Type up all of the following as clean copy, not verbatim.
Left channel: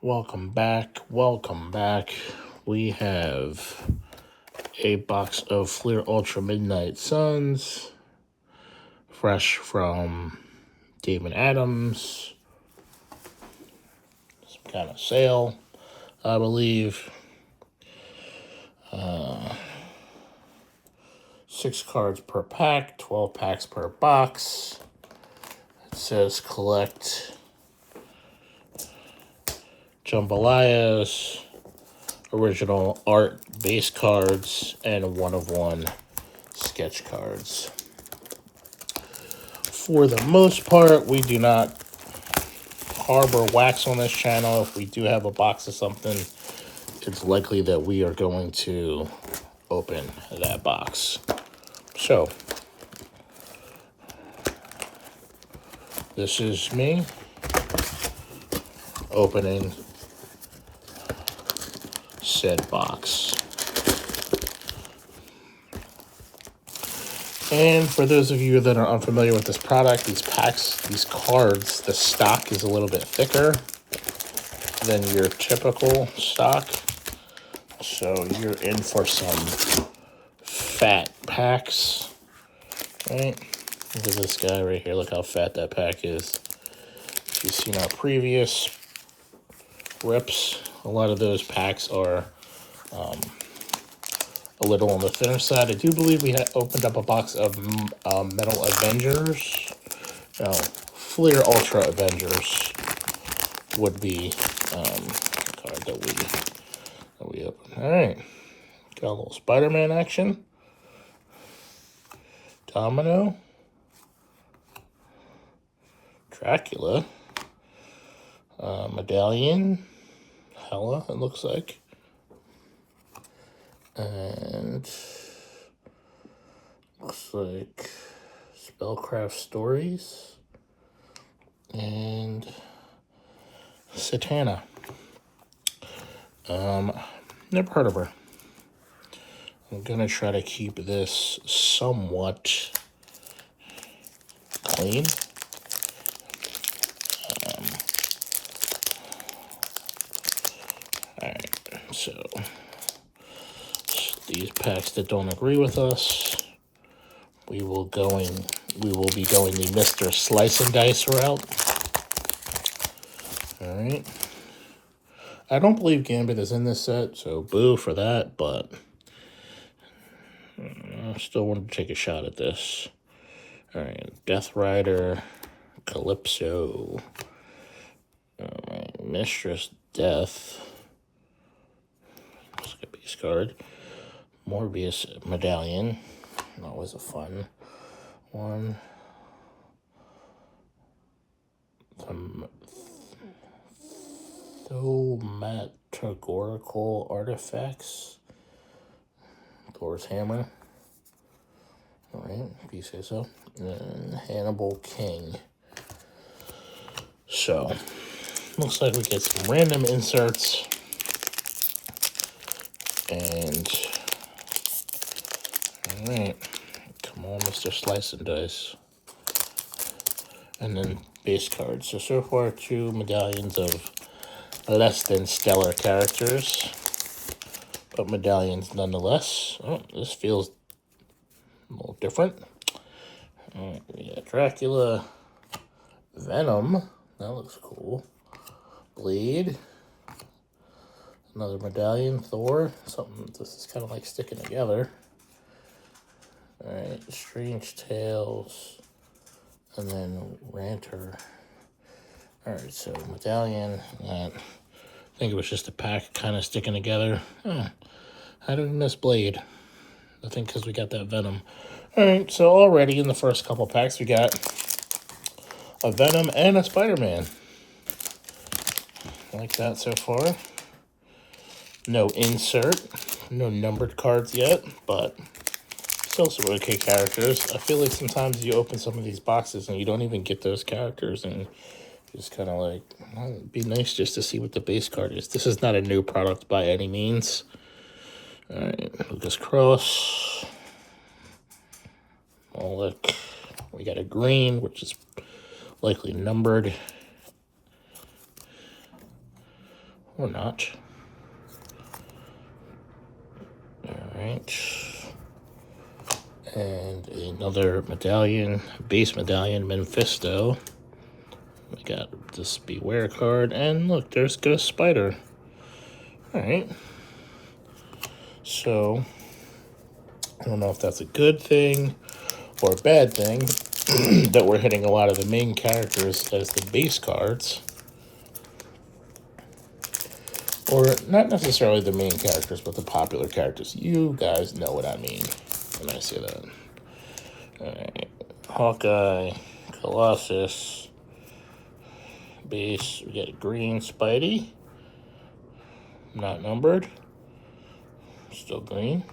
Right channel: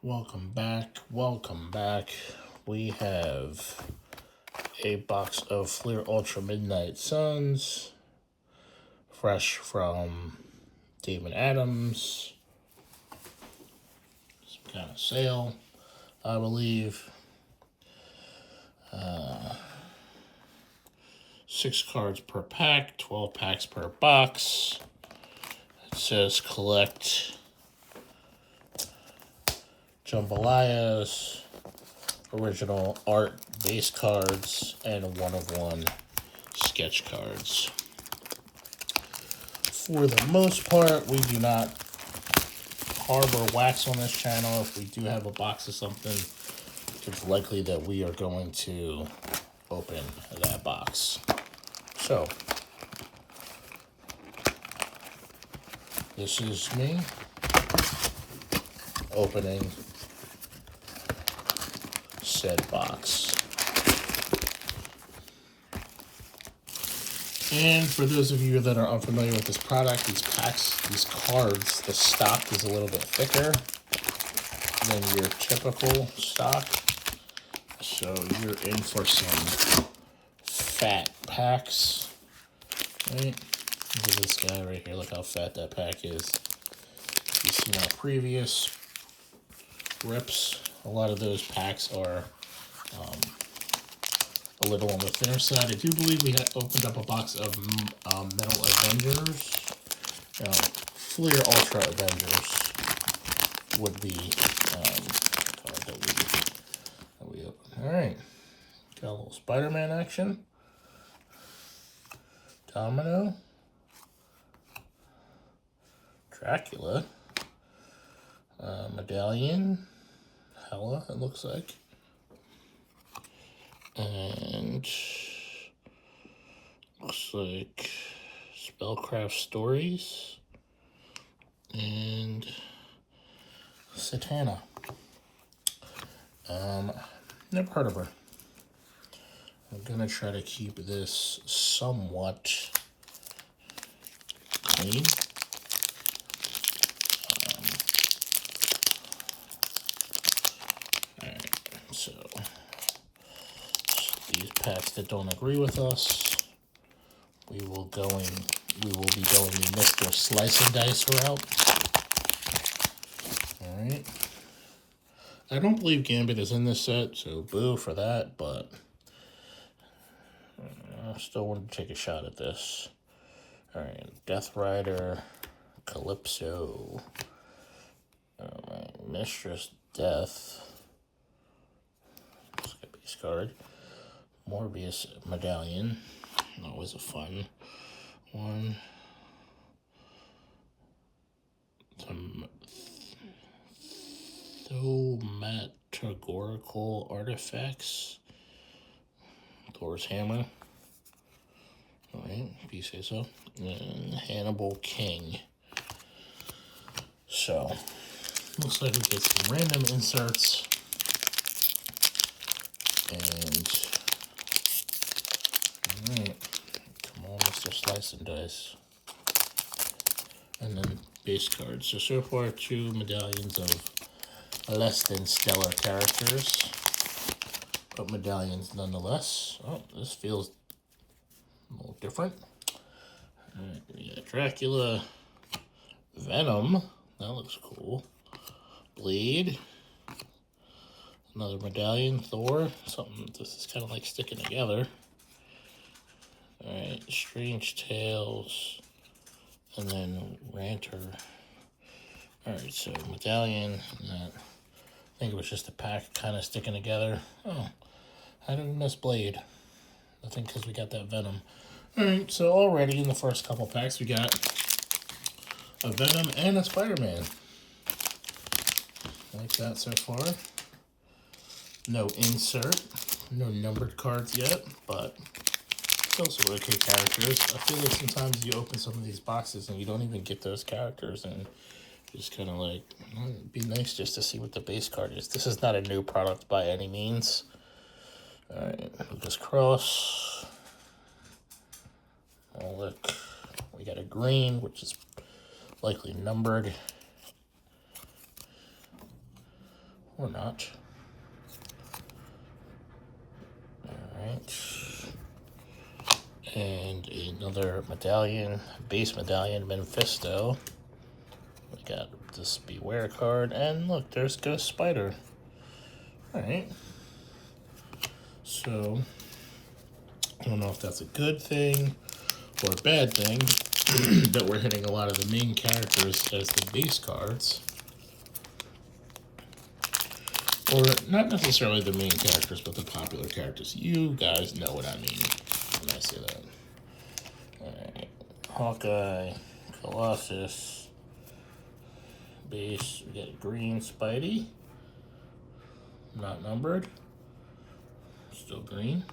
Welcome back. Welcome back. We have a box of Fleer Ultra Midnight Suns, fresh from David Adams. Some kind of sale, I believe. 6 cards per pack, 12 packs per box. It says collect Jambalayas, original art base cards, and 1 of 1 sketch cards. For the most part, we do not harbor wax on this channel. If we do have a box of something, it's likely that we are going to open that box. So, this is me opening said box. And for those of you that are unfamiliar with this product, these packs, these cards, the stock is a little bit thicker than your typical stock. So you're in for some fat packs, right? Look at this guy right here. Look how fat that pack is. If you've seen our previous rips, a lot of those packs are a little on the thinner side. I do believe we had opened up a box of Metal Avengers. Fleer Ultra Avengers would be the card that we opened. All right, got a little Spider-Man action. Domino. Dracula. Medallion. Hella, it looks like. And looks like Spellcraft Stories and Satana. Never heard of her. I'm gonna try to keep this somewhat clean. Alright, so these packs that don't agree with us, we will be going the Mr. Slice and Dice route. Alright. I don't believe Gambit is in this set, so boo for that, but I still want to take a shot at this. Alright, Death Rider, Calypso. Alright, Mistress Death. Let's get a base card. Morbius Medallion. That was a fun one. Thaumaturgical Artifacts. Thor's Hammer. Alright, if you say so. And Hannibal King. So, looks like we get some random inserts. And, alright, come on, Mr. Slice and Dice. And then base cards. So far, 2 medallions of less than stellar characters, but medallions nonetheless. Oh, this feels a little different. Alright, we got Dracula, Venom, that looks cool. Blade, another medallion, Thor, something this is kind of like sticking together. Alright, Strange Tales, and then Ranter. Alright, so medallion, that, I think it was just a pack kind of sticking together. How did we miss Blade? I think because we got that Venom. Alright, so already in the first couple packs we got a Venom and a Spider-Man. I like that so far. No insert, no numbered cards yet, but still some okay characters. I feel like sometimes you open some of these boxes and you don't even get those characters, and just kind of like, well, it'd be nice just to see what the base card is. This is not a new product by any means. Alright, Lucas Cross. Oh, look. We got a green, which is likely numbered. Or not. Alright. And another medallion, base medallion, Mephisto. We got this Beware card, and look, there's Ghost Spider. Alright. So, I don't know if that's a good thing or a bad thing that we're hitting a lot of the main characters as the base cards. Or not necessarily the main characters, but the popular characters. You guys know what I mean when I say that. Alright. Hawkeye, Colossus, base. We got green Spidey. Not numbered. Still green.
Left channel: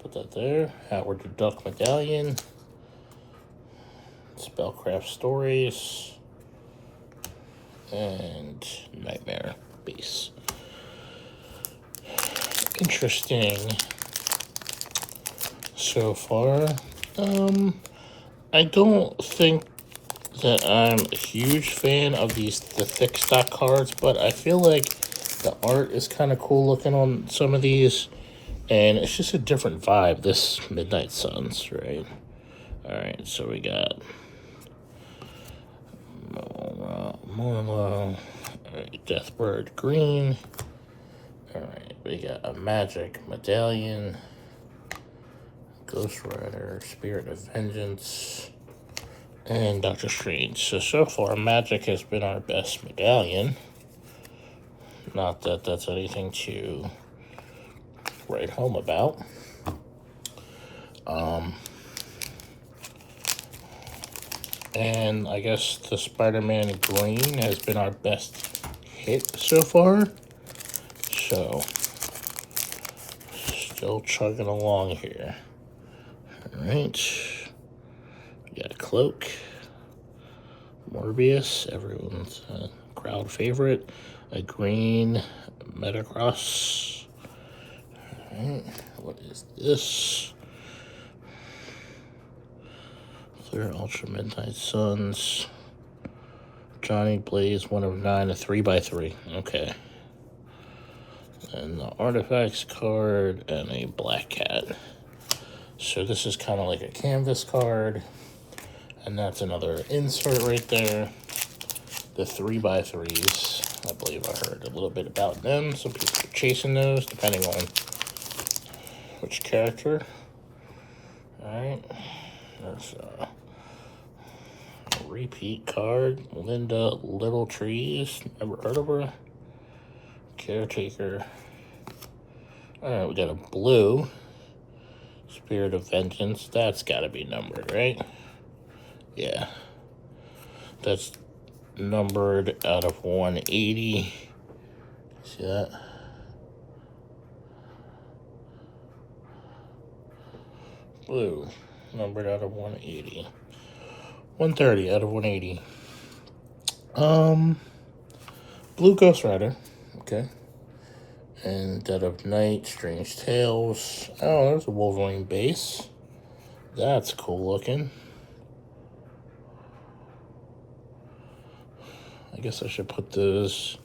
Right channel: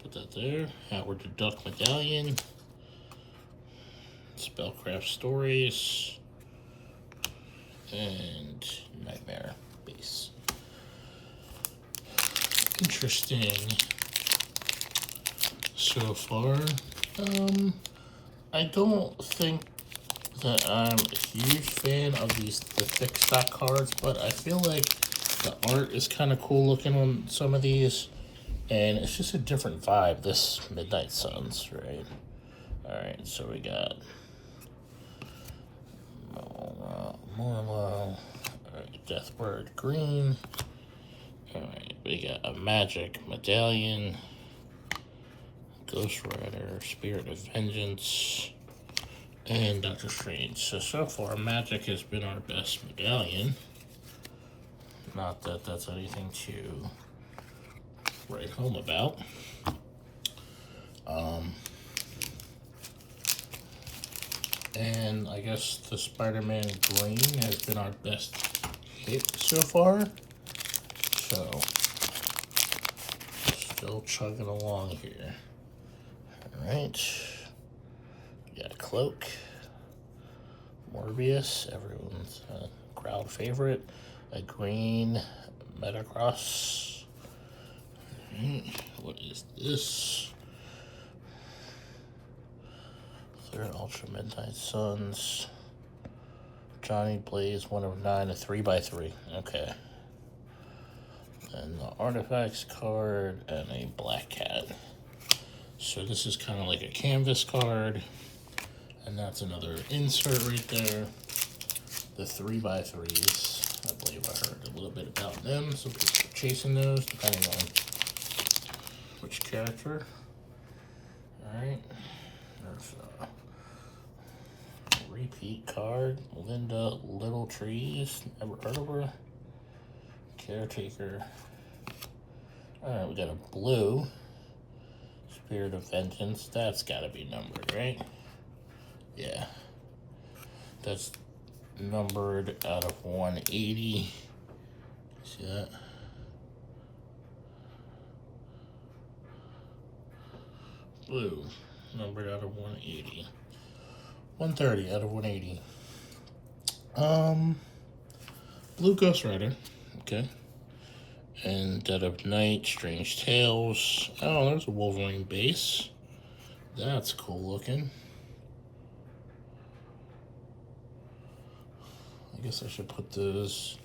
Put that there. Howard the Duck medallion. Spellcraft Stories. And Nightmare base. Interesting so far. I don't think that I'm a huge fan of the thick stock cards, but I feel like the art is kind of cool looking on some of these, and it's just a different vibe. This Midnight Suns, right? All right, so we got Deathbird green. All right, we got a Magic medallion, Ghost Rider, Spirit of Vengeance, and Doctor Strange. So far, Magic has been our best medallion. Not that that's anything to write home about. And I guess the Spider-Man green has been our best hit so far. So, still chugging along here. Alright. We got a Cloak. Morbius, everyone's crowd favorite. A green Metacross. Alright, what is this? Third Ultra Midnight Suns. Johnny Blaze, 1 of 9, a 3x3. Okay. And the Artifacts card and a Black Cat. So this is kind of like a canvas card. And that's another insert right there. The 3x3s. I believe I heard a little bit about them. Some people are chasing those, depending on which character. Alright. There's a repeat card. Linda Little Trees. Never heard of her. Caretaker. Alright, we got a blue Spirit of Vengeance. That's gotta be numbered, right? Yeah. That's numbered out of 180. See that? Blue, numbered out of 180. 130 out of 180. Blue Ghost Rider. Okay. And Dead of Night, Strange Tales. Oh, there's a Wolverine base. That's cool looking. I guess I should put those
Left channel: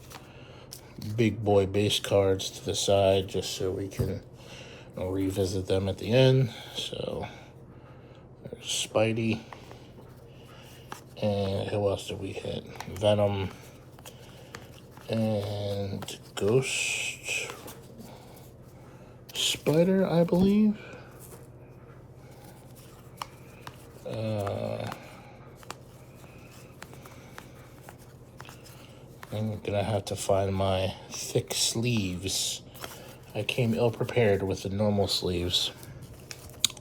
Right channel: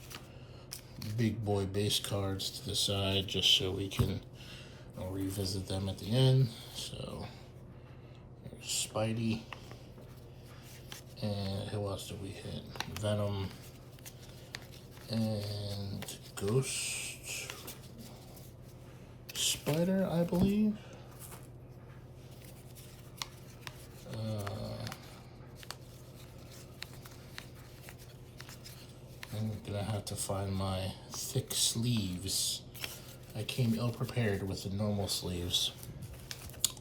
big boy base cards to the side just so we can revisit them at the end. So there's Spidey. And who else did we hit? Venom. And Ghost Spider, I believe. I'm gonna have to find my thick sleeves. I came ill prepared with the normal sleeves.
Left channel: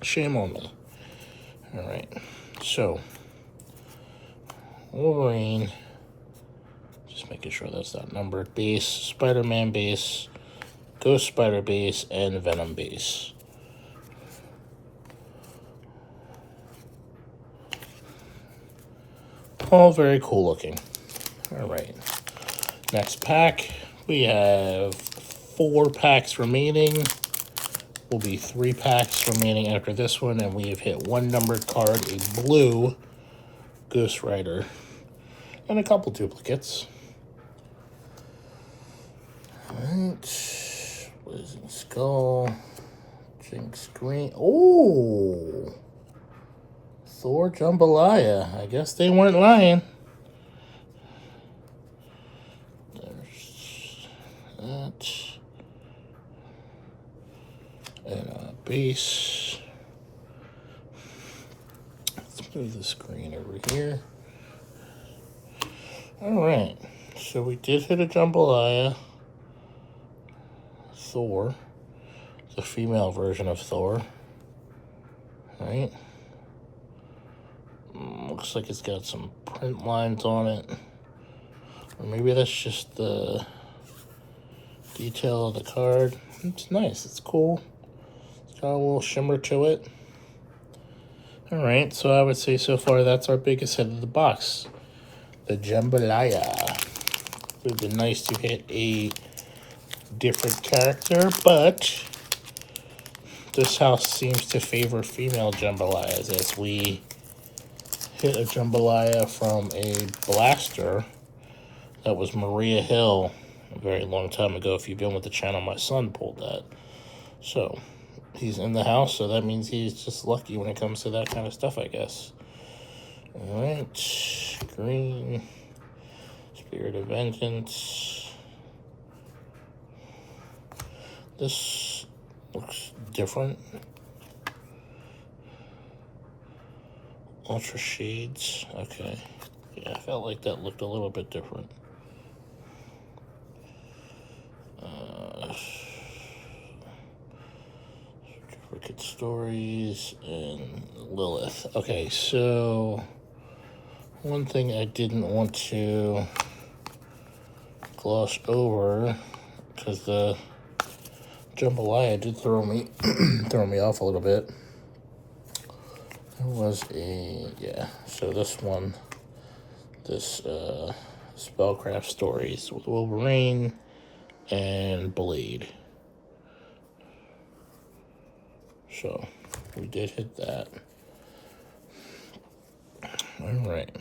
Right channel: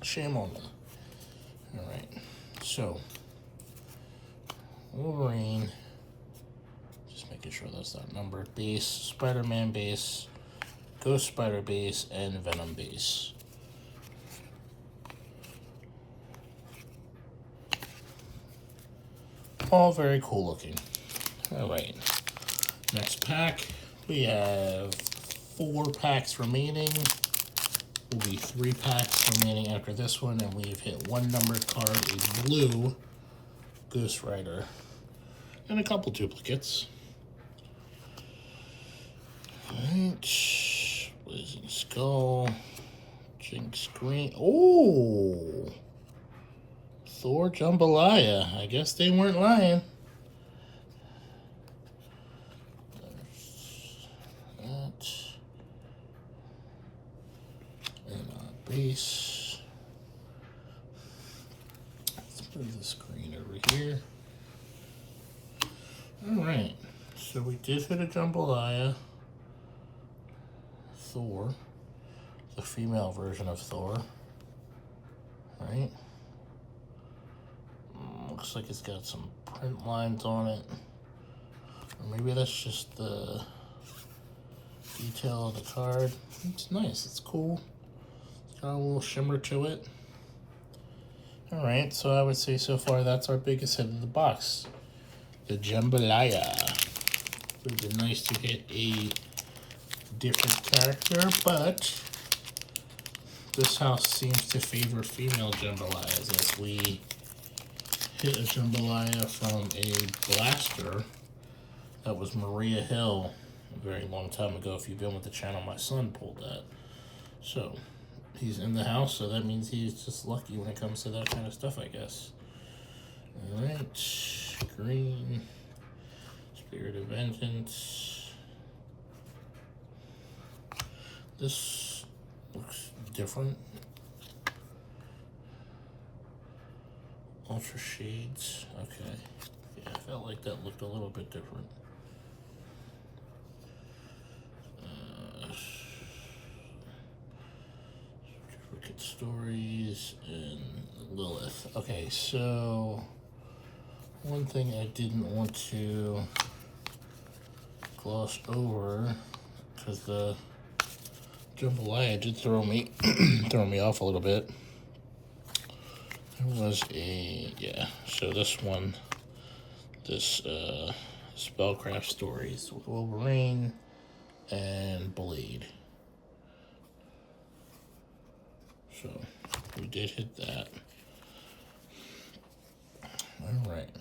Shame on me. Alright, so Wolverine. Just making sure that's not numbered. Base, Spider-Man base, Ghost Spider base, and Venom base. All very cool looking. Alright. Next pack. We have 4 packs remaining. Will be 3 packs remaining after this one, and we have hit 1 numbered card, a blue Ghost Rider, and a couple duplicates. skull. Jinx green. Oh! Thor Jambalaya. I guess they weren't lying. There's that. And base. Let's move the screen over here. Alright. So we did hit a Jambalaya. Thor. The female version of Thor. Right? Looks like it's got some print lines on it. Or maybe that's just the detail of the card. It's nice. It's cool. It's got a little shimmer to it. Alright, so I would say so far that's our biggest hit of the box. The Jambalaya. It would have been nice to hit a different character, but this house seems to favor female Jambalayas, as we hit a Jambalaya from a blaster that was Maria Hill a very long time ago. If you've been with the channel, my son pulled that. So he's in the house, so that means he's just lucky when it comes to that kind of stuff, I guess. All right, green, Spirit of Vengeance. This looks different. Ultra Shades, okay. Yeah, I felt like that looked a little bit different. Wicked Stories and Lilith. Okay, so one thing I didn't want to gloss over, because the Jambalaya did throw me off a little bit. There was so this one, this Spellcraft Stories with Wolverine and Blade. So we did hit that. All right.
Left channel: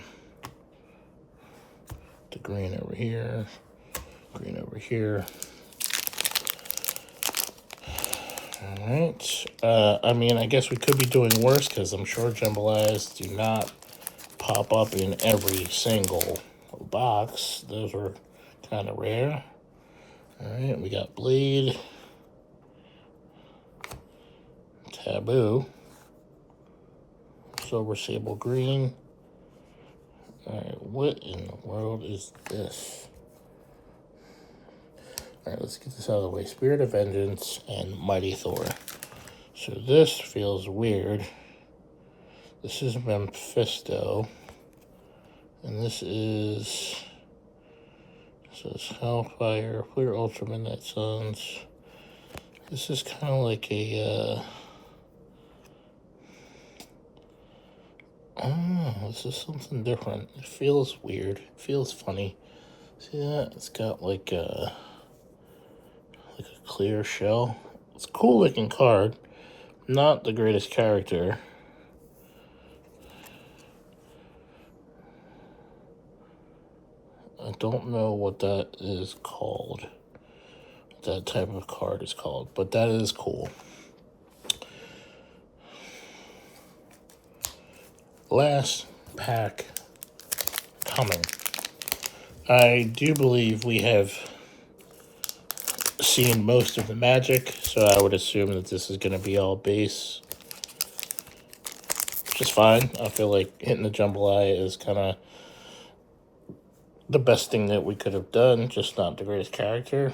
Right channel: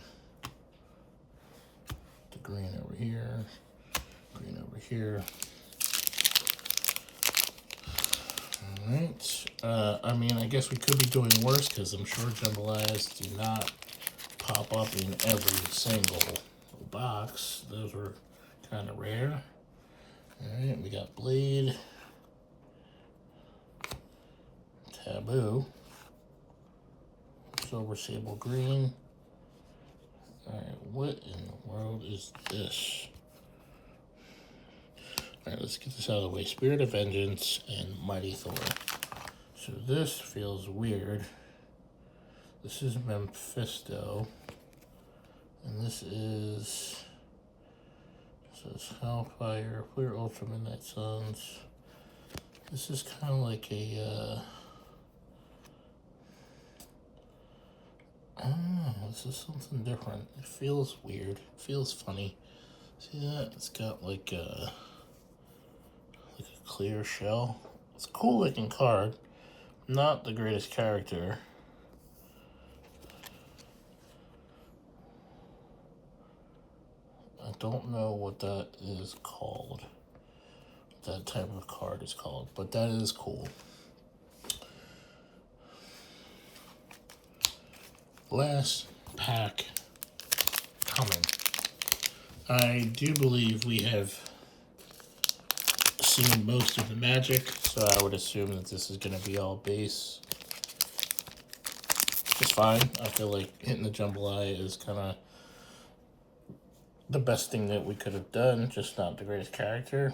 The green over here, green over here. All right. I mean, I guess we could be doing worse, because I'm sure Jambalayas do not pop up in every single box. Those are kind of rare. All right, we got Blade, Taboo, Silver Sable Green. All right, what in the world is this? All right, let's get this out of the way. Spirit of Vengeance and Mighty Thor. So this feels weird. This is Mephisto. And this is, says Hellfire, Clear Ultra Midnight Suns. This is kind of like a, this is something different. It feels weird. It feels funny. See that? It's got like a clear shell. It's a cool looking card. Not the greatest character. I don't know what that is called. That type of card is called, but that is cool. Last pack coming. I do believe we have seen most of the magic, so I would assume that this is going to be all base, which is fine. I feel like hitting the Jambalaya is kind of the best thing that we could have done, just not the greatest character.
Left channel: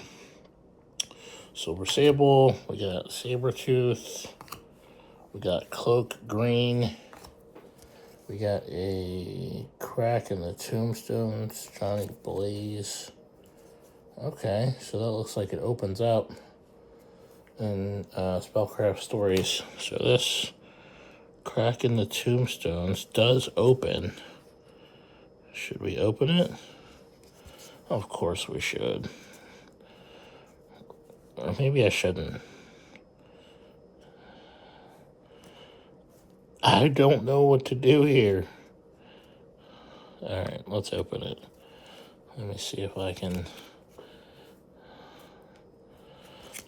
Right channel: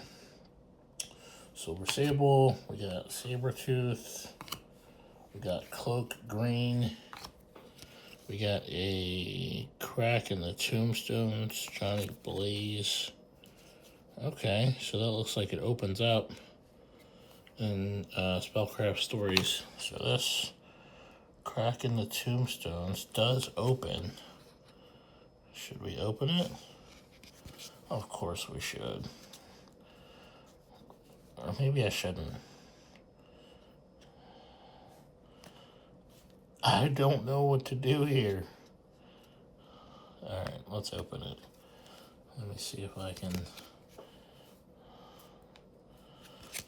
Silver Sable, we got Sabretooth, we got Cloak Green, we got a Crack in the Tombstones, Johnny Blaze. Okay, so that looks like it opens up in Spellcraft Stories. So this Crack in the Tombstones does open. Should we open it? Of course we should. Or maybe I shouldn't. I don't know what to do here. Alright, let's open it. Let me see if I can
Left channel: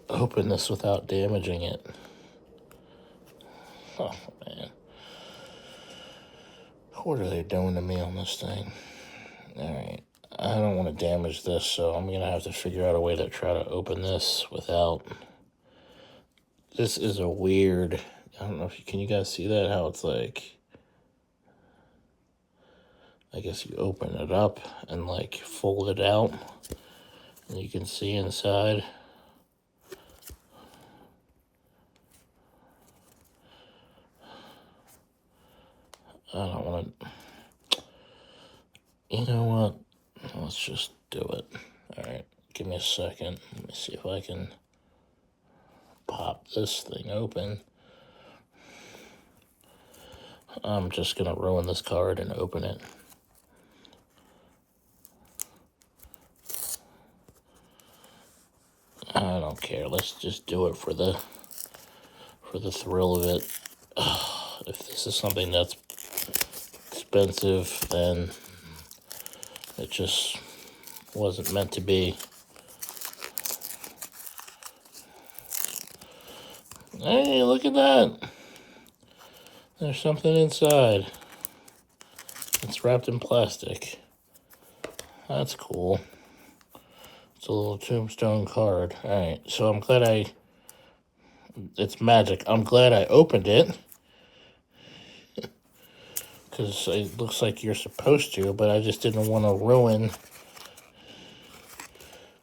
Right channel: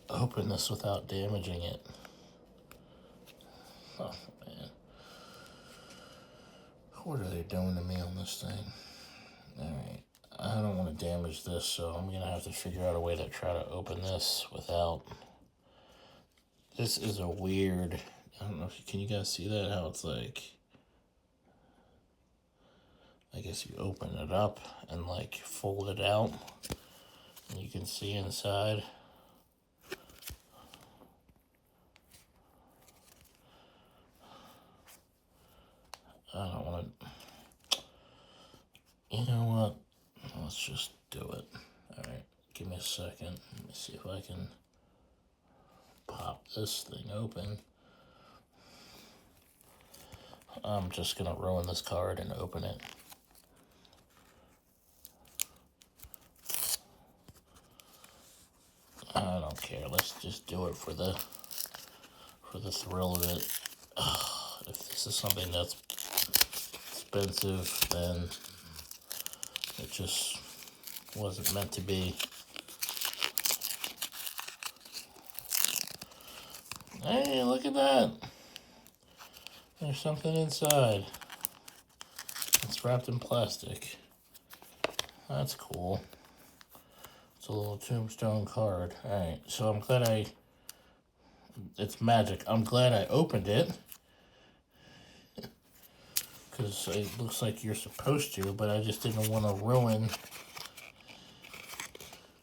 open this without damaging it. Oh, man. What are they doing to me on this thing? Alright. I don't want to damage this, so I'm going to have to figure out a way to try to open this without... This is a weird... I don't know if you... Can you guys see that? How it's like... I guess you open it up and like fold it out. And you can see inside. I don't want to... You know what? Let's just do it. Alright, give me a second. Let me see if I can pop this thing open. I'm just going to ruin this card and open it. I don't care. Let's just do it for the thrill of it. If this is something that's expensive, then it just wasn't meant to be. Hey, look at that. There's something inside. It's wrapped in plastic. That's cool. It's a little tombstone card. Alright, so I'm glad it's magic. I'm glad I opened it. Because it looks like you're supposed to, but I just didn't want to ruin.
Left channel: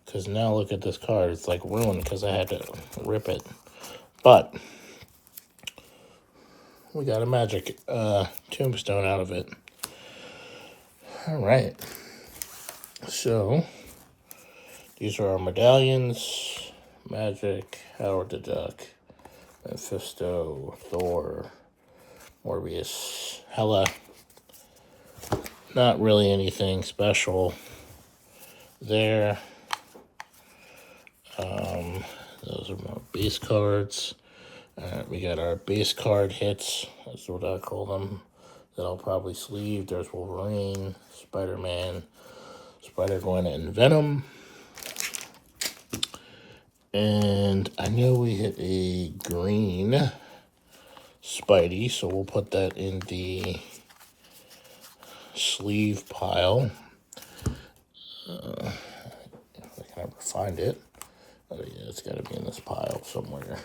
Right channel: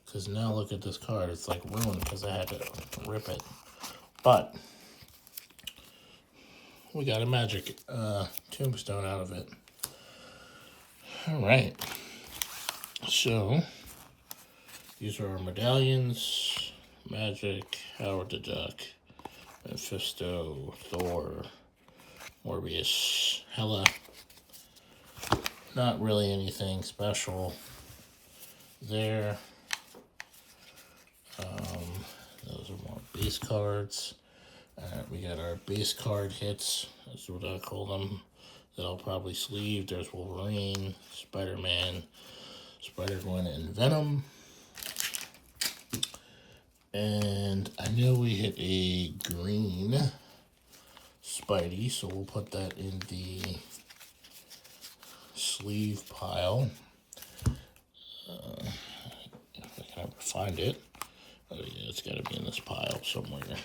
Because now look at this card. It's like ruined because I had to rip it. But we got a magic tombstone out of it. Alright. So, these are our medallions. Magic, Howard the Duck, Mephisto, Thor, Morbius, Hela. Not really anything special there. Those are more base cards. We got our base card hits. That's what I call them. That I'll probably sleeve. There's Wolverine, Spider-Man, Spider-Gwen, and Venom. And I know we hit a green Spidey, so we'll put that in the sleeve pile. If I can ever find it. Oh yeah, it's got to be in this pile somewhere.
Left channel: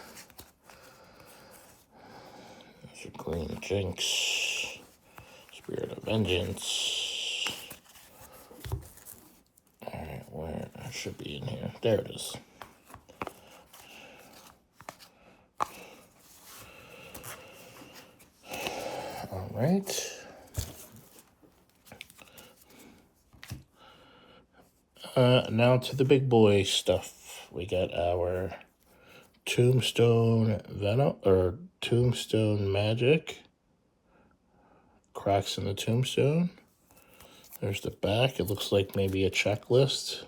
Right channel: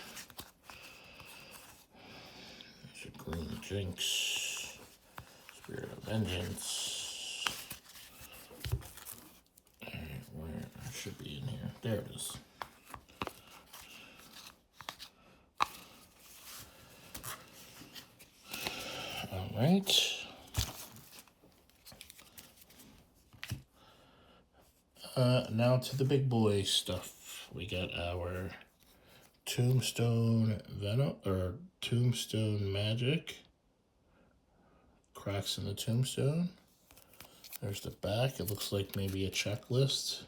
There's a green Jinx. Spirit of Vengeance. Alright, where? It should be in here. There it is. Alright. Now to the big boy stuff. We got our Tombstone Venom, or Tombstone Magic. Cracks in the tombstone. There's the back. It looks like maybe a checklist.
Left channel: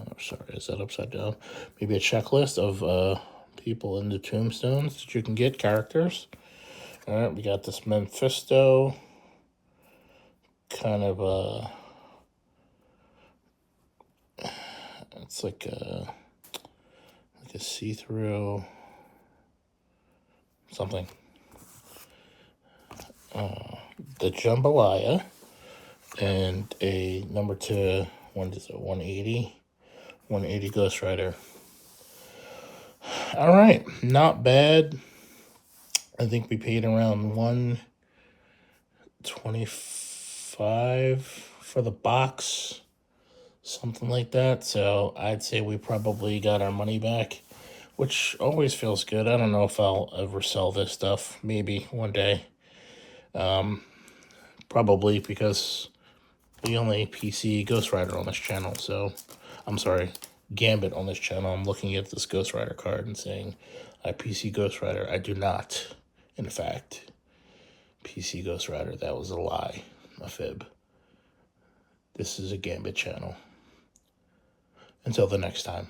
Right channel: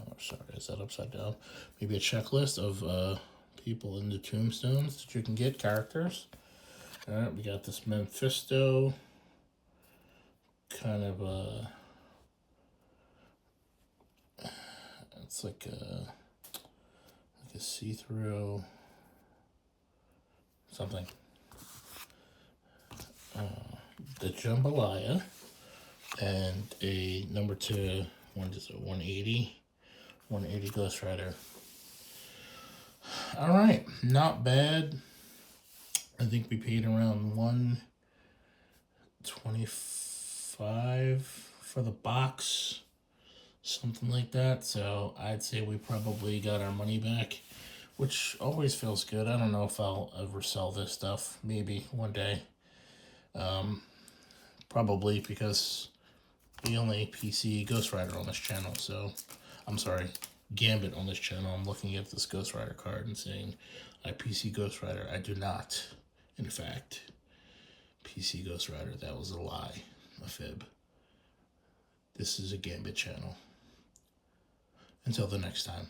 Oh, sorry, is that upside down? Maybe a checklist of people in the tombstones that you can get, characters. Alright, we got this Mephisto. Kind of it's like a see-through something. The Jambalaya and a number 2, what is it, 180 Ghost Rider. All right, not bad. I think we paid around $125 for the box, something like that. So I'd say we probably got our money back, which always feels good. I don't know if I'll ever sell this stuff. Maybe one day. Probably because the only PC Ghost Rider on this channel, so I'm sorry, Gambit on this channel. I'm looking at this Ghost Rider card and saying I PC Ghost Rider. I do not, in fact, PC Ghost Rider. That was a lie, a fib. This is a Gambit channel. Until the next time.